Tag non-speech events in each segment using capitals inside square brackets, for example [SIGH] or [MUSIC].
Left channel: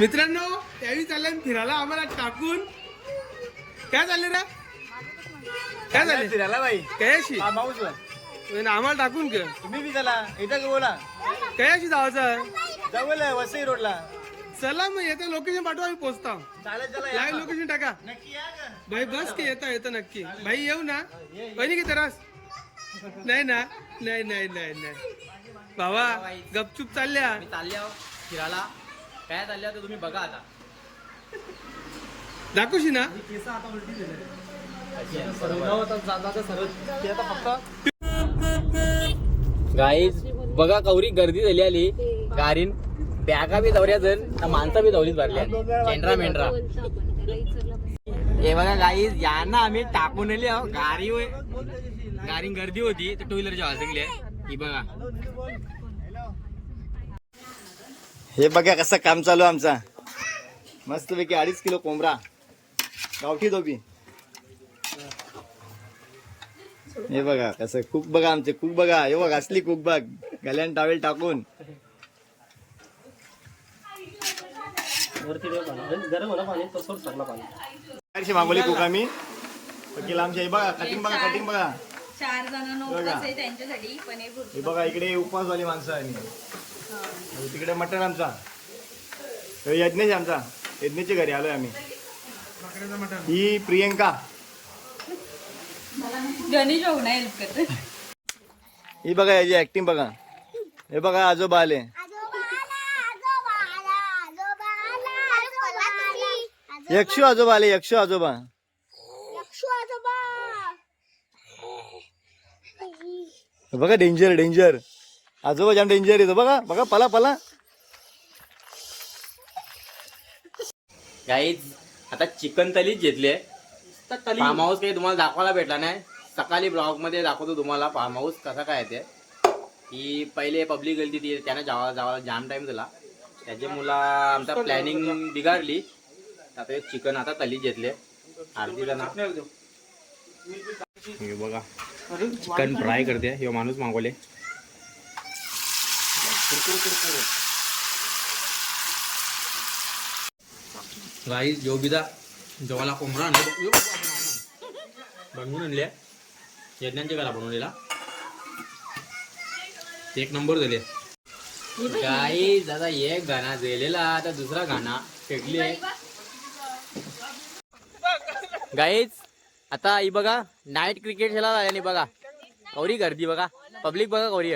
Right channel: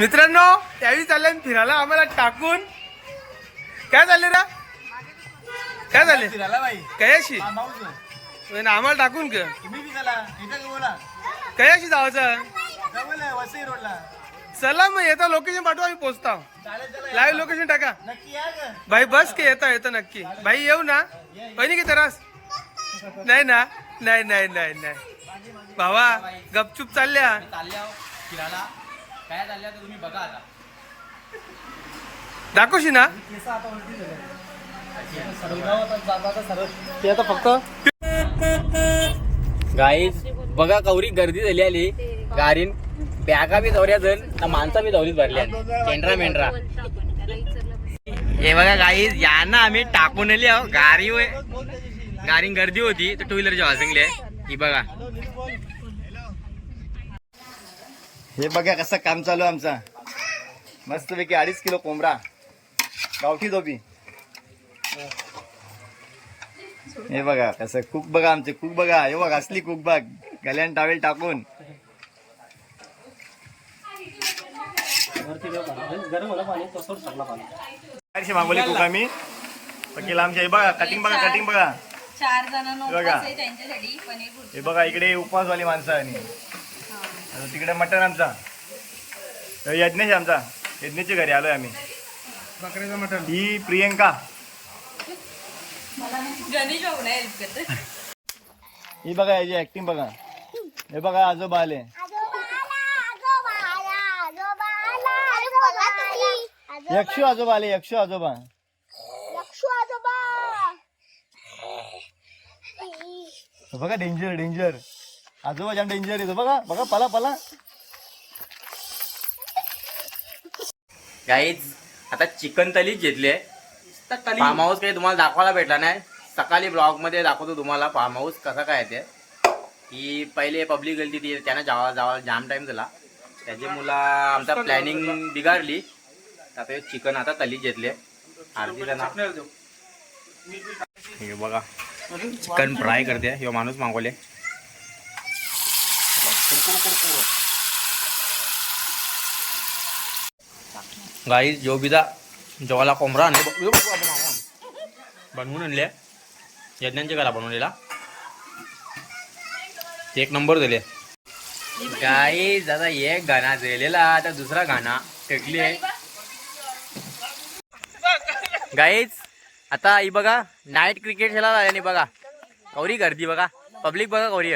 मित्रांनो त्यावेळी चालले फिरायला आम्हाला टाकून. काय झाले रा? काय झाले फिरायला बाई. कयाशी? हा, आम्हाला टाकून का तुम्ही बी चला बोला कयाशी जवळ आहे वसई रोडला. चला मग येता लोकेशन पाठवा आम्ही चला लाईव्ह लोकेशन टाका. भाई बस की येता येतं नक्की. भाई येऊ ना. पहिली की तरास? नाही ना नाही नाही नाही नाही. भावा गपचूप चालल्या. चालल्या फिरायला. काय तुम्ही बघा आता. दाखवशी ना? केस आता उलटी झाले. सर्व गाव आता जाता आता सर्व ते आता फक्त गाईज बघा कवरी गर्दी झाली आली. गाडीन बॅगा बी दौऱ्या जण माणसं बी दौरीत भरल्या मेंढरा मेंढरा हे बघा गाईज यांना आम्ही टाकून आली आहो. गाडी गर्दी होती तर टू व्हीलरची वाजंगली आहे ही बघा. हे बघा कसं काम चालू आमचा. मस्तपैकी अडीच किलो कोंबडा. गावठी धोबी. हे बघा कसं कुक बघा आमचे कुक बघा. हे बघा असली कुक बघ. गल्यान टावेल टाकून. वरती देव पाणी. गरम होणं पाणी तो सोड सगळं पाणी. बाहेरशी मागवली कुक आम्ही. वकील आमच्या हे बघा कटिंग बघा कटिंग बघा. चार जणांना बघा. हे बघा इकडे उपवासवाली माणसं आणि. तिकडे मटण आमचा. यज्ञेश आमचा. यज्ञेच्या घरी आलोय आम्ही. ही प्रियंका. ही बघा याची ऍक्टिंग बघा. हे बघा आजोबा आले. यक्षू आजोबा आले यक्षू आजोबा. बघा डेंजर डेंजर आजोबा जाम डेंजर येतो बघा बघा पला पला. गाईज आता चिकन तलीच घेतली फार्म हाऊस काही तुम्हाला दाखवायला भेटला नाही. सकाळी ब्लॉगमध्ये दाखवतो तुम्हाला फार्म हाऊस कसा काय आहे ते. ही पहिले पब्लिक गेली ती त्यानं जावा जावा जाम टाइम झाला. त्याची मुला आमचा प्लॅनिंग बिघाडली. आता चिकन आता तलीच घेतले अर्धी जण. हे बघा. चिकन फ्राय करते. हे माणूस मागवले. गाईज जो जवाला कोंबडा आणले बनवून आणले यज्ञांच्या घरा बनवलेला एक नंबर दिले गाईज आता एक गाणा जेलेला आता दुसरा गाणा फेकली गाईज आता ही बघा नाईट क्रिकेट खेळायला आल्याने बघा कौरी गर्दी बघा पब्लिक बघा कौरी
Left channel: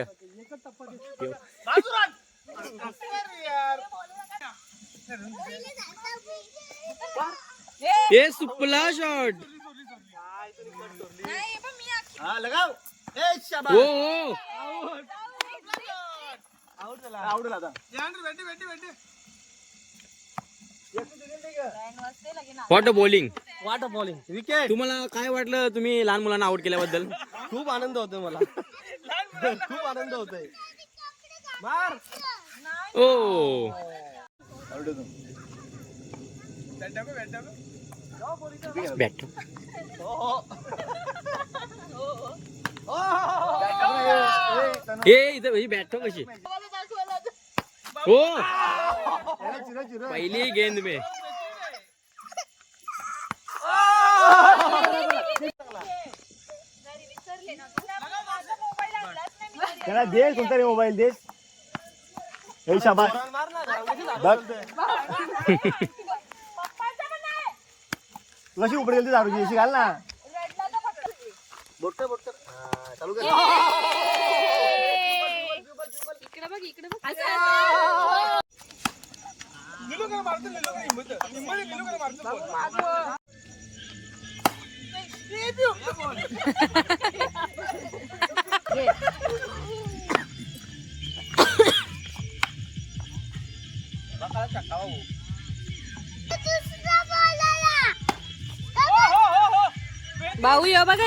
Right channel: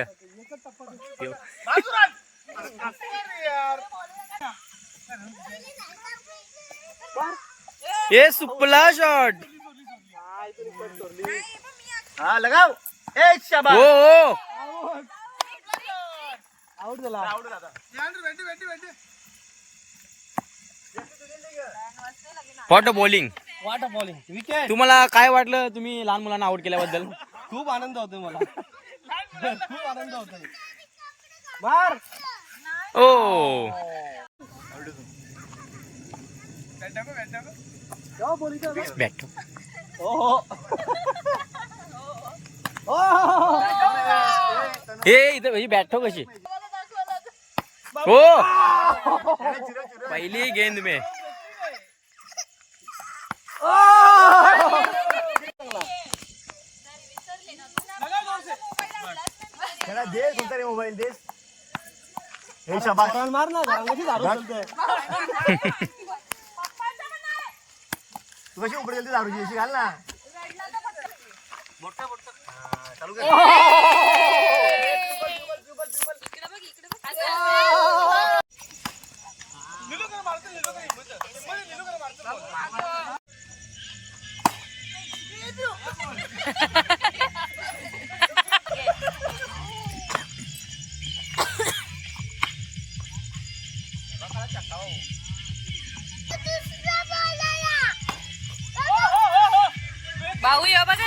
ए सुपला शॉट हा लगाव. ए शाबा हो हो. Fast bowling what bowling wicket तुम्हाला काय वाटलं तुम्ही लहान मुलांना आउट केल्याबद्दल? खूप आनंद होतोय मला. [LAUGHS] खूप आनंद होतोय. मार ओ. बॅट हे इथं बॅट ठेव कशी. हो पहिली गेंद में. दे कोणता रे मोबाईल दे. हे शाबा कशी उपडेल ती दारूची अशी घाल ना चालू कर इकडे बघ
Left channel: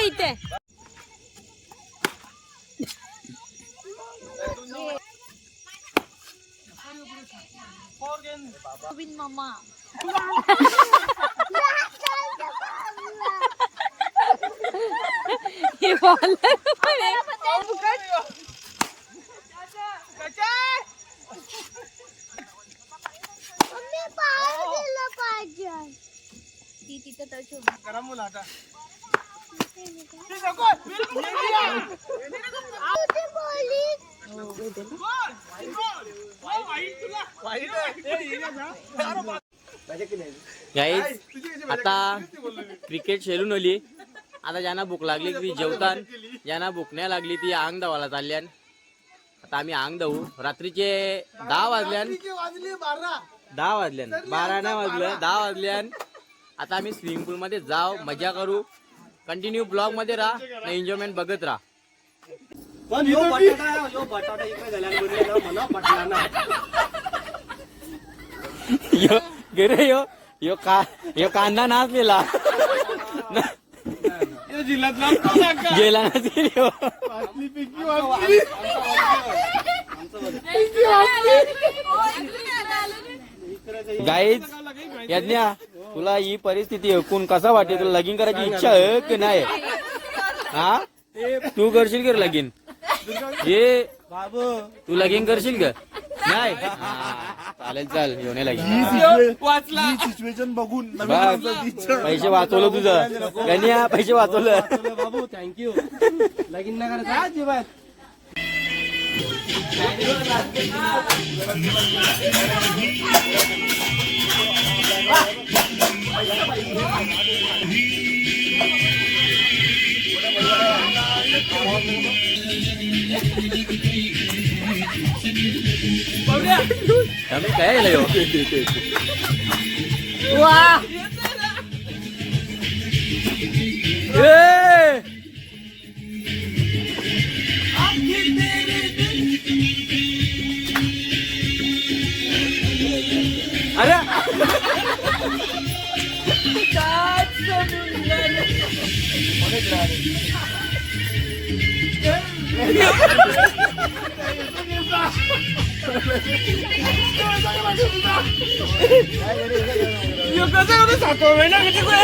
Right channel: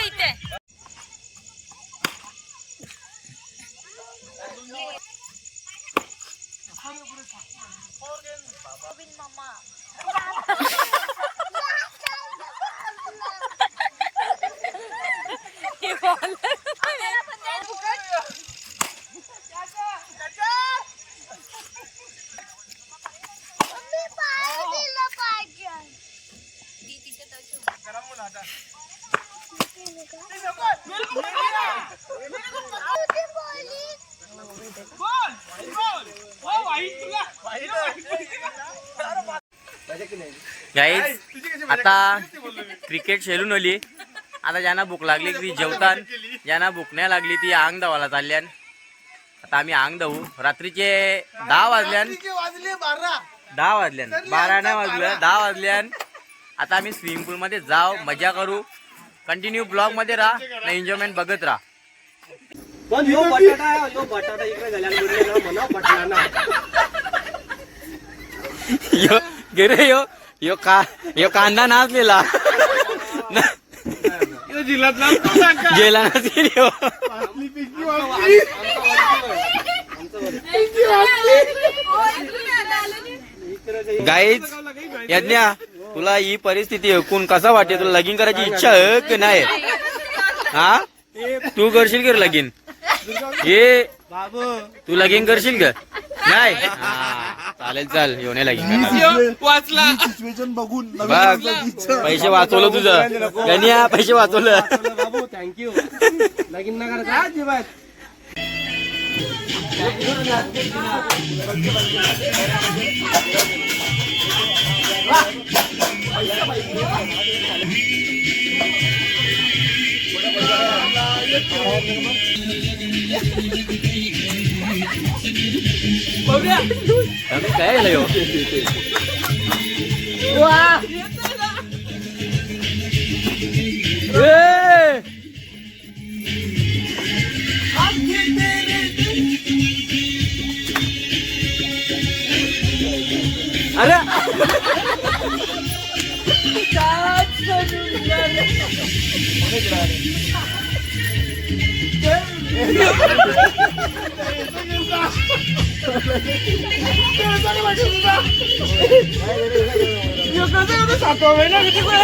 इकडे बघ असं. भाऊ या बघा इथे मामा तिथे तशी उभी. गाईज आता क्रिकेट खेळून आली आता ज्यांना भूक लागली ती जेवतान ज्यांना भूक नाही लागली ती आंग धावायला चालल्यान. आता आम्ही आंग धावू रात्रीचे दहा वाजल्यान दहा वाजल्यान. बारा नाही वाजलं दहा वाजल्यान. आता आम्ही स्विमिंग पूलमध्ये जाव जाऊ मजा करू. कंटिन्यू ब्लॉगमध्ये राहा ना एन्जॉयमेंट बघत राहा. पण यो बटाटा यो बटाटा इकडे झाल्यामुळे मला पटला ना. यो गेरे यो यो का यो कांदा नाचलेला. गेला नसेल यो. गाईच यज्ञा. तुला ही परिस्थिती ऐकून कसा वाटते? तुला लगीन करायची इच्छा आहे की नाही? हा? तू करशील का रे लगीन? ये. बाबू. तू लगीन करशील का? नाही? हा, चालेल चाल. येऊन लगीन करणार. सिच्युएशन बघून बघ. पैसे वाचवलं तुझं. गण्या पैसे वाचवलं. बाबू. थँक्यू लगीन नगर का अजिबात. Kami kaya lah yo. Wah. Yeah. Ada. 床さんの里上投げてくれ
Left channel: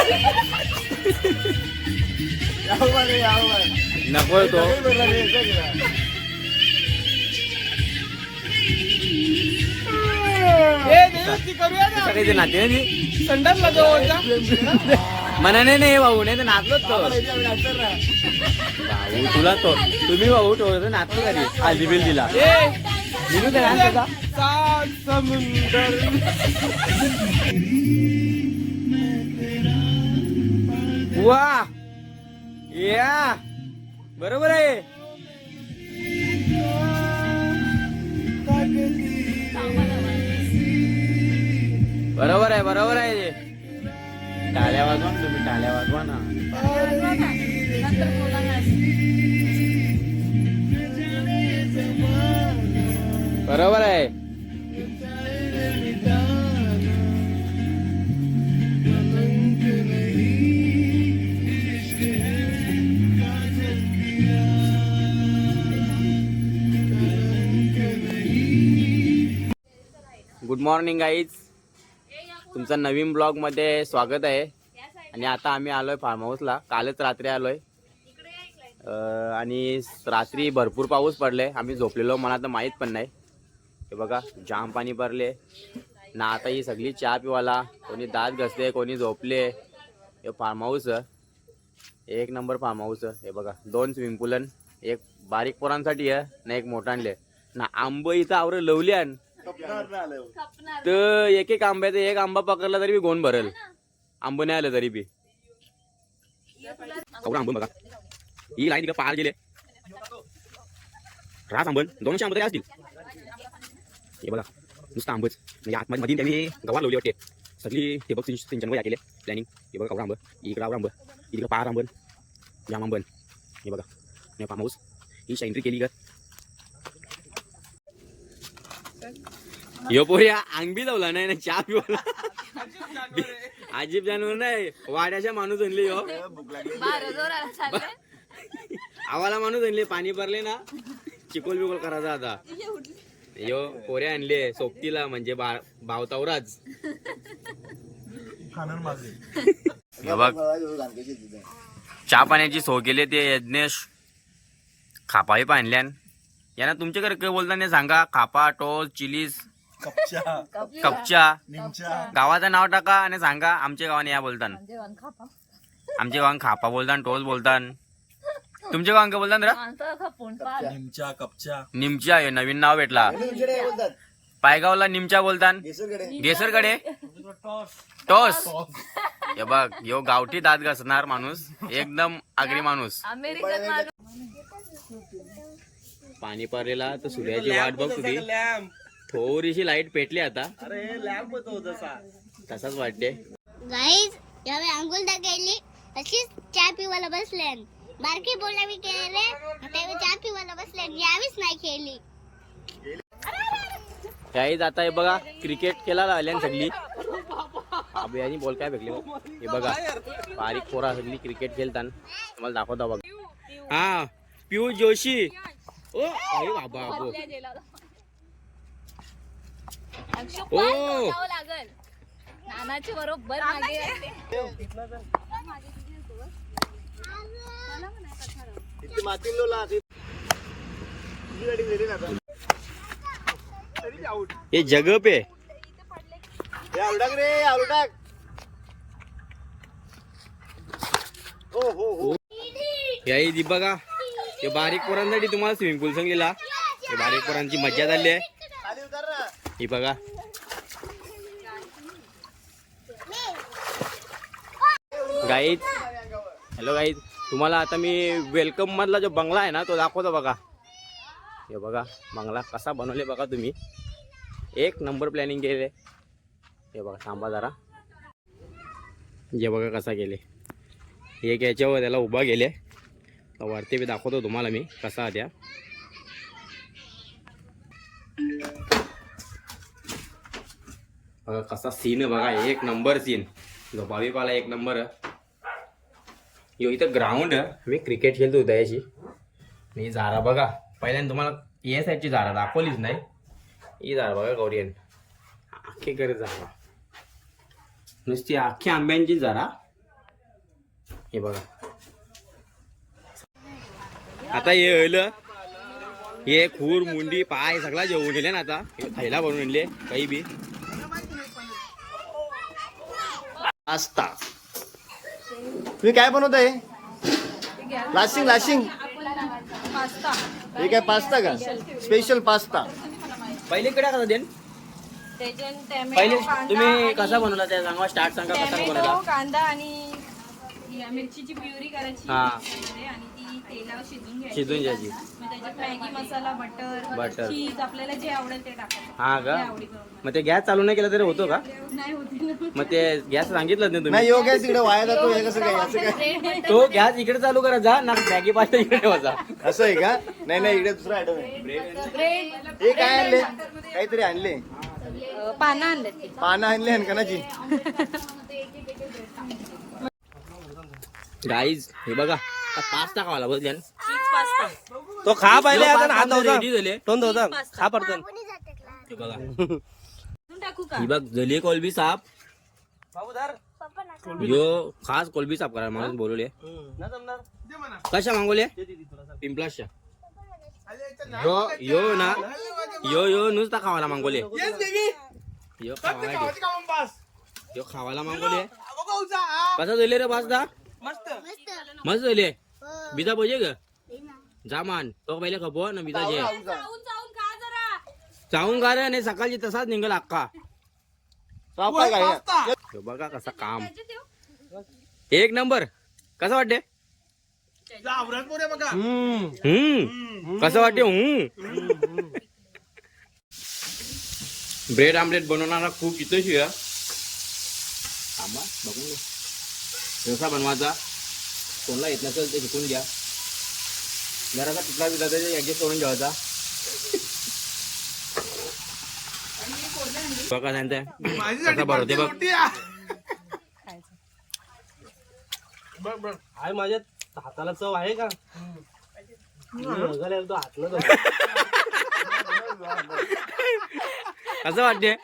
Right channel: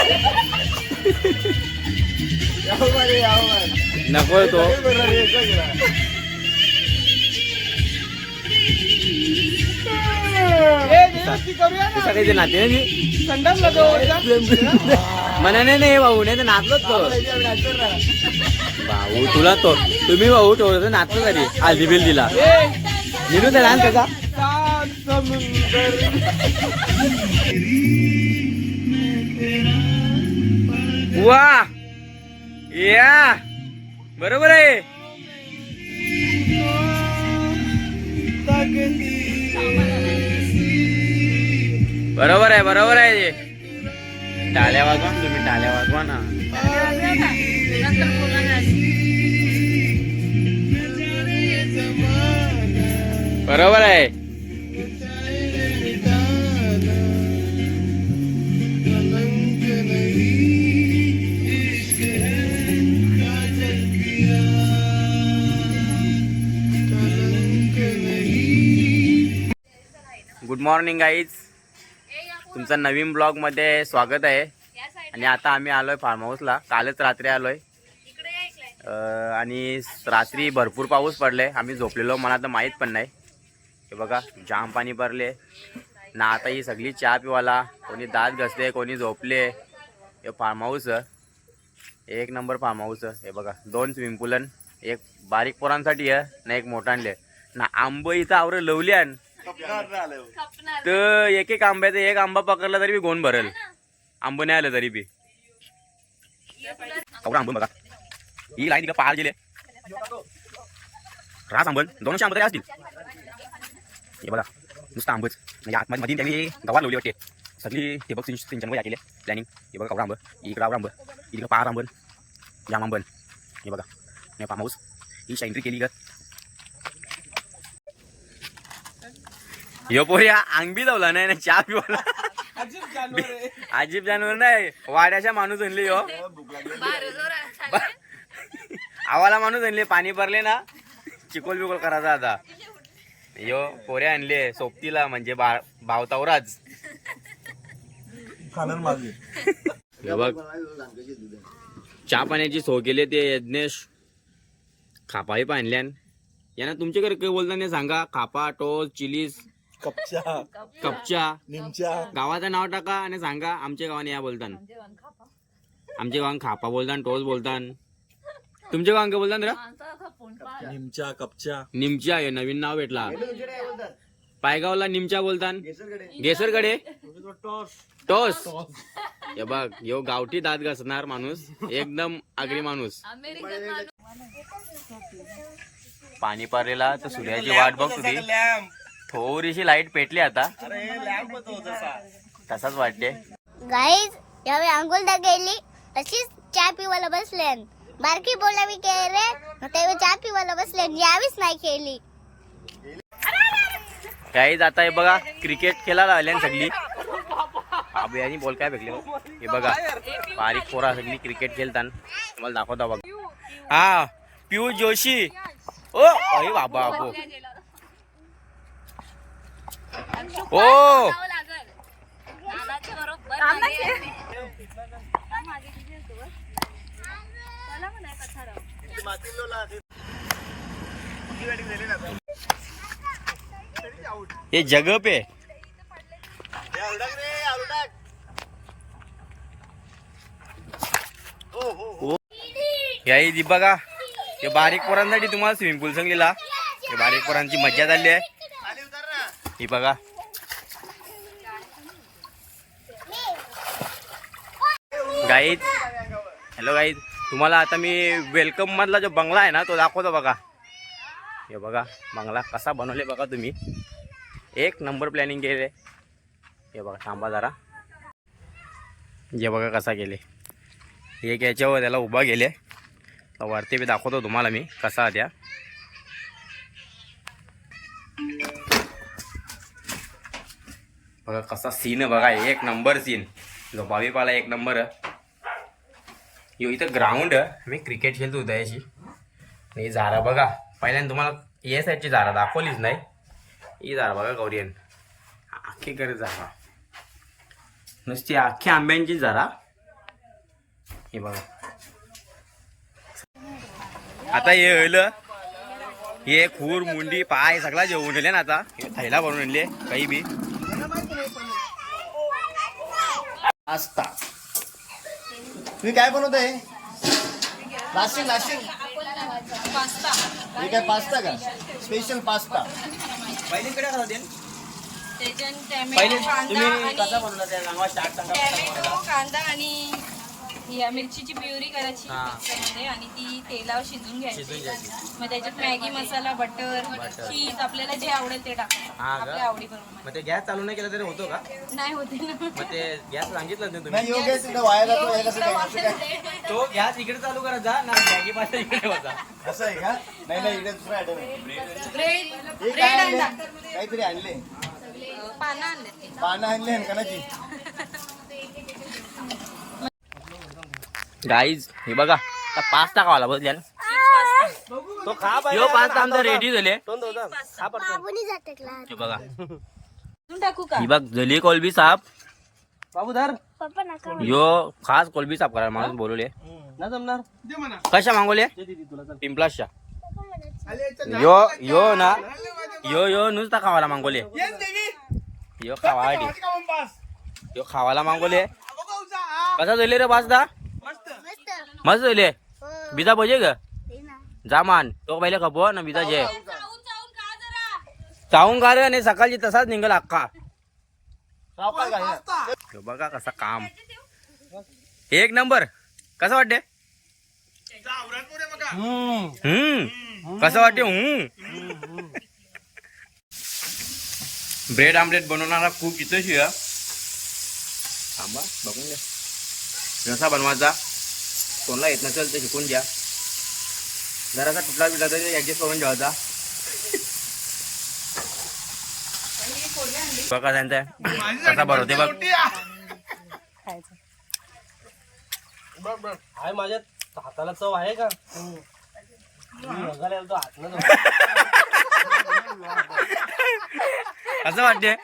やばいやばいなこれと kita kayak nanti nih. Sendam atau jam? मना नाही नाही भाऊ नाही तर नाचलोच तो. भाऊ तुला तो. तुम्ही भाऊ तो नाचलो कधी हल्दी बिल दिला. दिलू ते डान्स त्याचा वा! या! बरोबर आहे. बरोबर आहे बरोबर आहे. टाळ्या वाजवा ना तुम्ही टाळ्या वाजवा ना. ना बरोबर आहे. गुड मॉर्निंग गाईज तुमचं नवीन ब्लॉगमध्ये स्वागत आहे. आणि आता आम्ही आलोय फार्म हाऊसला कालच रात्री आलोय. आहे आणि रात्री भरपूर पाऊस पडले आम्ही झोपलेलो मला तर माहीत पण नाही. हे बघा जाम पाणी भरले ना आता ही सगळी चहा पिवाला कोणी दात घसले कोणी झोपले. हे फार्म हाऊस एक नंबर फार्म हाऊस हे बघा दोन स्विमिंग पूलन एक बारीक पोरांसाठी आहे ना एक मोठांले ना आंब इथं आवर लवल्यान तर एक एक आंब्याचं एक आंबा पकडला तरी बी गोण भरल. आंब नाही आलं तरी बी. आंब बघा. ही लाईन तिकडे पार गेले. रास आंबल. दोनशे आंबे तरी असतील. हे बघा. नुसतं आंबच. म्हणजे आतमध्ये मध्ये त्यांनी गवार लावली वाटते. सगळी हे बघ सिंच सिंचन केले. प्लॅनिंग हे बघा कवडा आंब. इकडं आवडा आंब. इकडं पार आंबल. जाम आंबल. हे बघा. हाऊस. ही एंट्री केली का यो पोरी अंगबी जावला नाही ना चहा पिवला अजीब जानवर नाही वाड्याच्या माणूस आणले यो. आवाला माणूस आणले पाणी भरले ना चिकोल बिकोल करायचा आता. यो पोऱ्या आणले सोबतीला म्हणजे बा भावतावराज. बघ. चहा पाण्याची सोय केली ते यज्ञेश. खापाही आणल्यान यांना तुमच्याकडे काय बोलता नाही सांगा खापा टोस चिलीज कपच्या गावाचं नाव टाका आणि सांगा आमच्या गावाने या बोलतान. आमच्या गावान खापा. बोलतान टोस बोलतान. तुमच्या गावान काय बोलतान रा? निमच्या कपच्या निमच्या हे नवीन नाव भेटला. पायगावला निमच्या बोलतान. गेसरकडे टोस. हे बघ यो गावठी दात घासणार माणूस एकदम आगरी माणूस. पाणी पारलेला तर सूर्याची वाट बघ तुझी. थोडीशी लाइट पेटली आता. तसाच वाटते. गाईज यावेळी अंघोलदा गेली तशीच चहा पिवायला बसले. बारकी बोला मी केले रे? तेव्हा चहा पिवायला बसले यावीच नाही केली. काहीच आता हे बघा क्रिकेट खेळायला आल्या सगळी. अबे यांनी बोल काय भेटले बघ. हे बघा बारीक पोरा सगळी क्रिकेट खेळताना. तुम्हाला दाखवता बघ. हा पियुष जोशी. ओ अरे बाबा अबो ओ! बरोबर मागे. हे जग पे। याही दी बघा हे बारीक पोरांसाठी तुम्हाला स्विमिंग पूल सांगलेला हे बारीक पोरांची मज्जा झाली आहे. ही बघा. गाईज हॅलो गाईज तुम्हाला आता मी वेलकम मधला जो बंगला आहे ना तो दाखवतो बघा. हे बघा बंगला कसा बनवले बघा तुम्ही. एक नंबर प्लॅनिंग केले. हे बघा थांबा जरा. जे बघा कसा केले. एक याच्यावर त्याला उभा गेले तर वरती बी दाखवतो तुम्हाला मी कसा द्या बघा कसा सीन बघा एक नंबर सीन जो भावीपाला एक नंबर आहे यो इथं ग्राउंड मी क्रिकेट खेळतो उदयाची याची आणि झारा बघा. पहिल्याने तुम्हाला या साईडची झारा दाखवलीच नाही. ही झारा बघा गौरीयन. अख्खी करे झारा. नुसती अख्खी आंब्यांची झारा. हे बघा. आता हे होईल. हे खूर मुंडी पाय सगळा जेवून ना आता. हे थैला बनवून आणले काही बी. आसता तुम्ही काय बनवताय लाशिंग लाशिंग. हे काय पास्ता का? Special pasta. पहिले कडे कसं देन त्याच्यात पहिले तुम्ही कसा बनवला त्या सांगा स्टार्ट सांगा कसा बनवला? कांदा आणि या मिरचीची प्युरी करायची हा. मिक्सरमध्ये आणि ती तेलावर शिजून घ्यायची. शिजून घ्यायची. मग त्याच्यात Maggi masala butter butter. Cheese आपल्याला जे आवडेल ते टाकायचं. हा का? आपल्या आवडीप्रमाणे. मग ते गॅस चालू नाही केला तरी होतो का? नाही होते ना. मग ते गॅस सांगितलं नाही नाही तुम्ही योग आहे तिकडे वाया जातो हे कसं काय असं काय? तो गॅस इकडे चालू करा जा ना मॅगी पास्ता इकडे ठेवायचा असं आहे का? नाही नाही इकडे दुसरा आयटम आहे. हे काय आणले? काहीतरी आणले. पानं आणलेत ती. पानं आणले हनकानाची [LAUGHS] गाईज हे बघा. आता पास्ता खावाला बघ द्या तो खा यो पास्ता आमचा रेडी झाले. खा पडतो हे बघा. अजून टाकू का? ही बघ जली कोलबी साप. यो खास कोलबी साफ करायला माणूस बोलवले. कशा मागवले. पिंपलाशा यो यो ना. यो यो नुसता खावाला मागवले. यो खावासाठी यो खावाला मागवले. कसा झाले रे पास्ता? मस्त. मस्त. झाले. हो. बिजा पाहिजे ग? दे ना. जा मान. तो पहिले खपो ना बिजा जे. चावून चावून खा जरा चावून का रे आणि सकाळची तसाच निघल अक्का बघा कसा काम. एक नंबर. कसं वाटते हम्म. कसं वाटते हम्म. ब्रेड आमलेट बनवणारा खूप इथं शिया थांबा बघून घ्या कसा बनवायचा. कोणाला येत नसेल तर शिकून घ्या. जरासा तुटला बिटला तरी ऍडजस्ट करून ठेवायचा. बघा त्यांचा. कसा बनवते बघ. आहे माझ्या हाताला चव आहे का? तो हात न कसं वाटते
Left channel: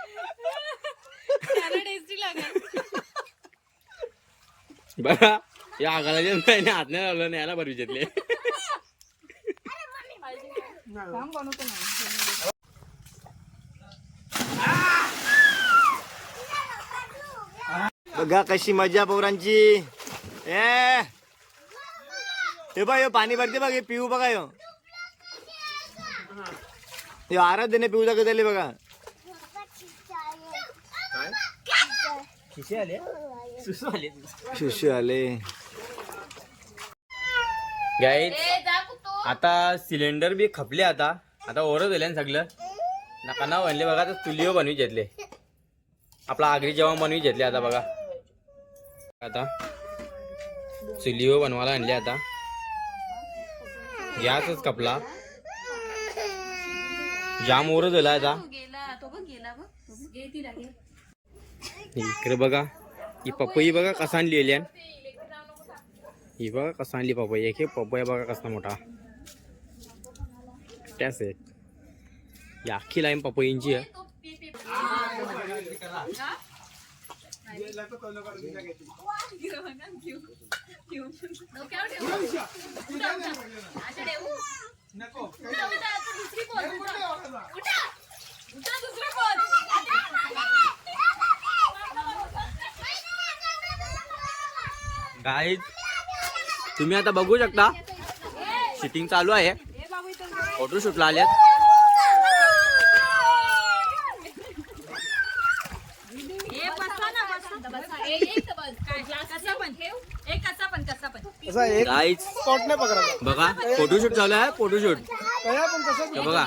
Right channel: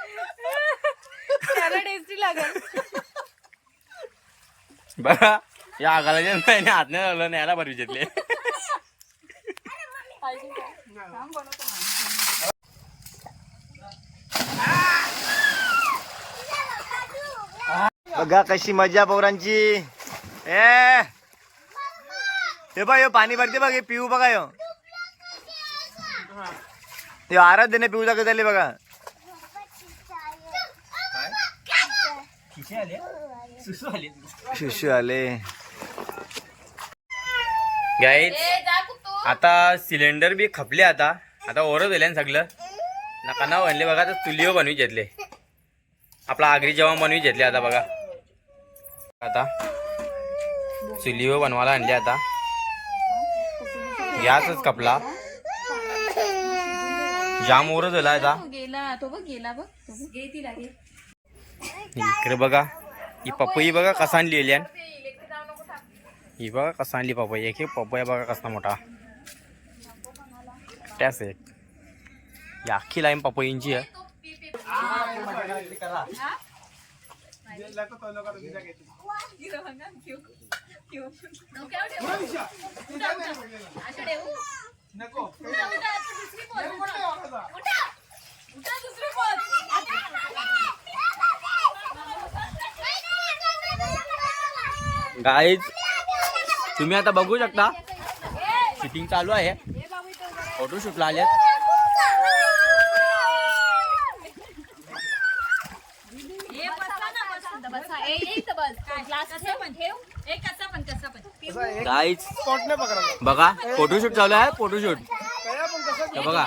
बघा या आगाला जे नाही लावलं नाही याला विजेतले बघा कशी मजा पोरांची. ए. हे बा यो पाणी भरते बघ हे पिऊ बघा यो. आराध्य देणे पिऊ जागा झाले बघा. शिशू आले? गाईज आता सिलेंडर बी खपले आता. आता ओरत झाले सगळं. नका ना बनले बघा आता चुलीवर बनवी घेतले. आपला आगरी जेवण बनवी घेतले आता बघा. आता चुलीवर बनवायला आणले आता. गॅसच कपला जाम ओरत झाला आता. गेला तो बघ गेला बघ. इकडे बघा. ही पपई बघा कसा आणली ही बघा कसा आणली पपई. एक एक पपया बघा कसा मोठा. त्याच एक. ही अख्खी लाईन पपईंची आहे. गाईज तुम्ही आता बघू शकता शूटिंग चालू आहे. फोटोशूटला आलेत. गाईज बघा फोटोशूट चालू आहे फोटोशूट तर बघा.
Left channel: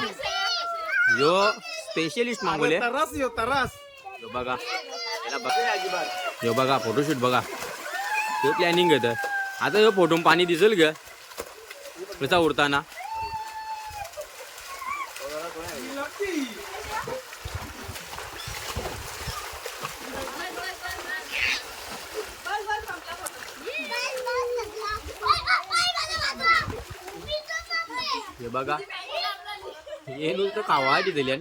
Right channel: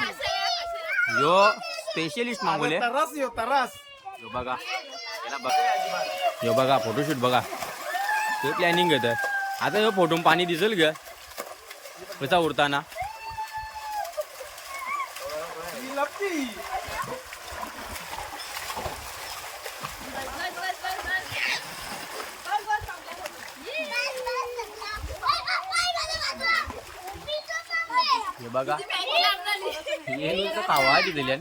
यो स्पेशलिस्ट मागवले. तरास येऊ तरास. यो बघा. याला बघा. यो बघा फोटोशूट बघा. हे प्लॅनिंग घेत आता ह्यो फोटो पाणी दिसेल ग. कसा उडताना? हे बघा. हे नुसतं खावा दिलेल्या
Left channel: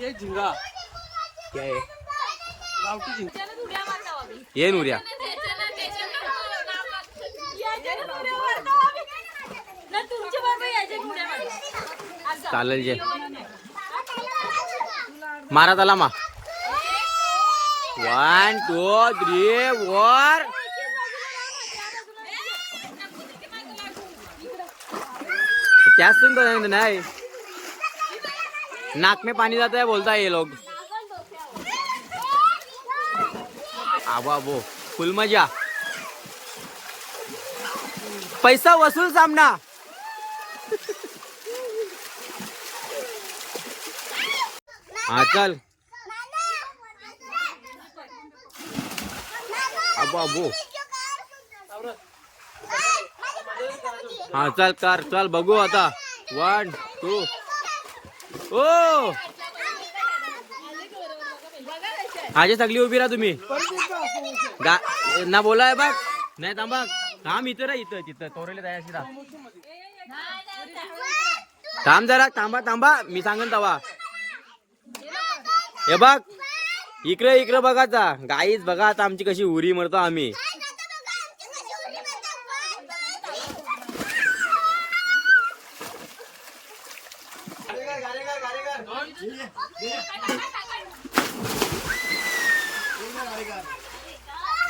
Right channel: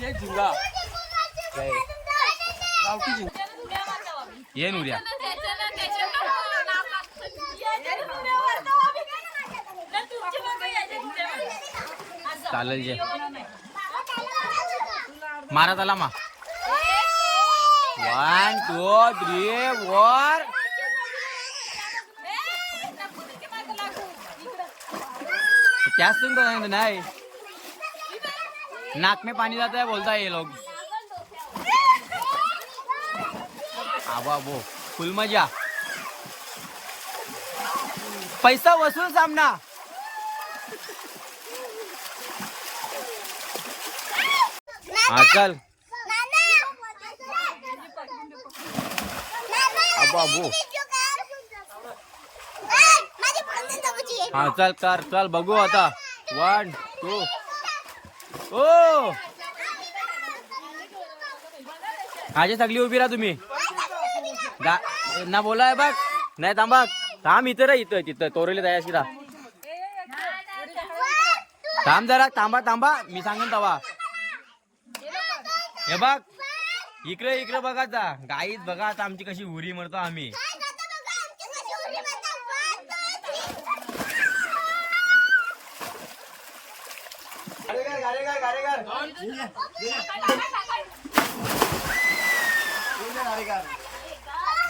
ये झिंगा. काय? गावठी जिंक ये नुऱ्या चालेल जे. मारा त्याला मा. वन टू थ्री वर त्याच तुम्ही नाही? नाक में पाणी जात आहे बोलता ये लोग आबा वो. फुल मजा. पैसा वसूल सामना. हा चल. अबो अबो हा चल कर चल बघू आता. वन टू ओ! आजे सगळी उभी राहा तुम्ही. गा ना बोलाय बघ नाही थांबा थांब इथं रा इथं तिथं तोरेली तयाशी राहा थांब जरा थांबा थांबा मी सांगेन तवा. हे बघ इकडे इकडे बघाचा गाईच बघा आता आमची कशी उरी मरतो आम्ही.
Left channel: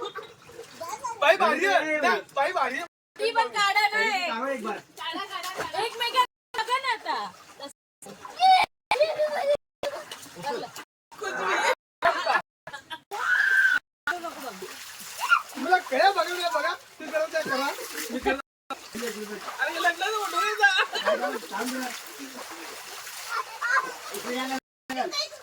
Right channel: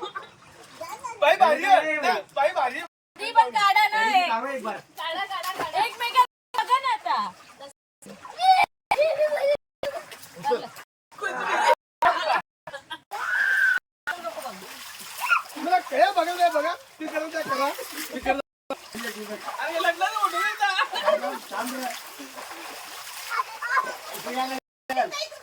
बाई भारी आहे. बाई भारी आहे. ती पण काढा नाही काढा काढा काढा एकमेकांना बघा ना आता. तुम्हाला काय बघा काय बघा ती करा त्या करा ती करा गाईस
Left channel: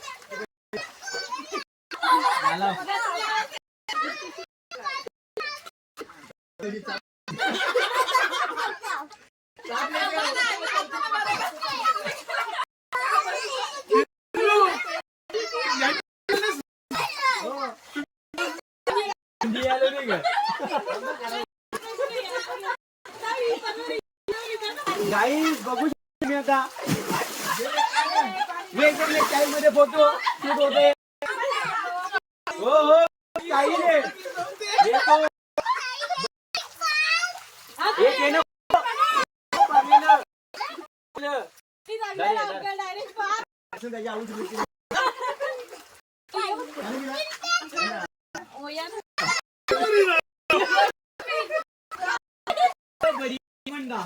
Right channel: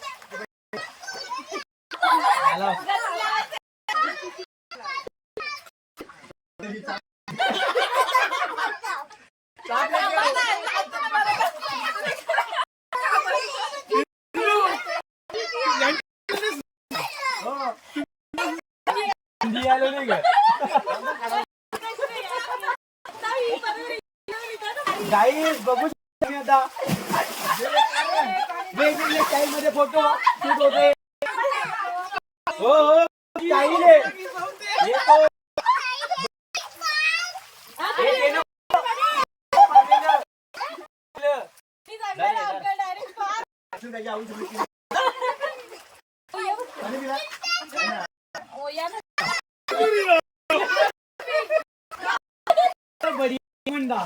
शकता स्टाईल मध्ये फोटो शूट होत आहे हो हो स्टाईल आहे त्याची बरी म्हणता.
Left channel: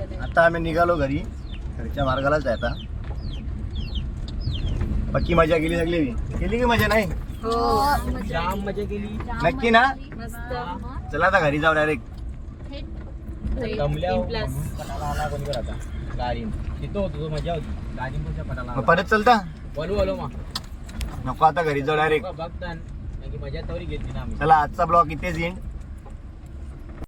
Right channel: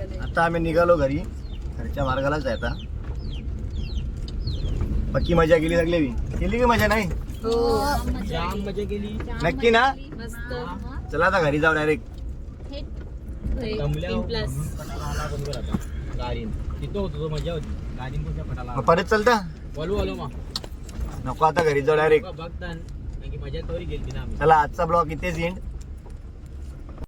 आता आम्ही निघालो घरी घरच्या मार्गालाच आहे आता पक्की मजा केली सगळी केली की मजा नाही जाम मजा केली नक्की ना चला आता घरी जाऊ डायरेक्ट आला मग परत चलता बोलू बोलू मा नको आता घरी जाऊ डायरेक्ट गेली चला आजचा ब्लॉग इथेच एंड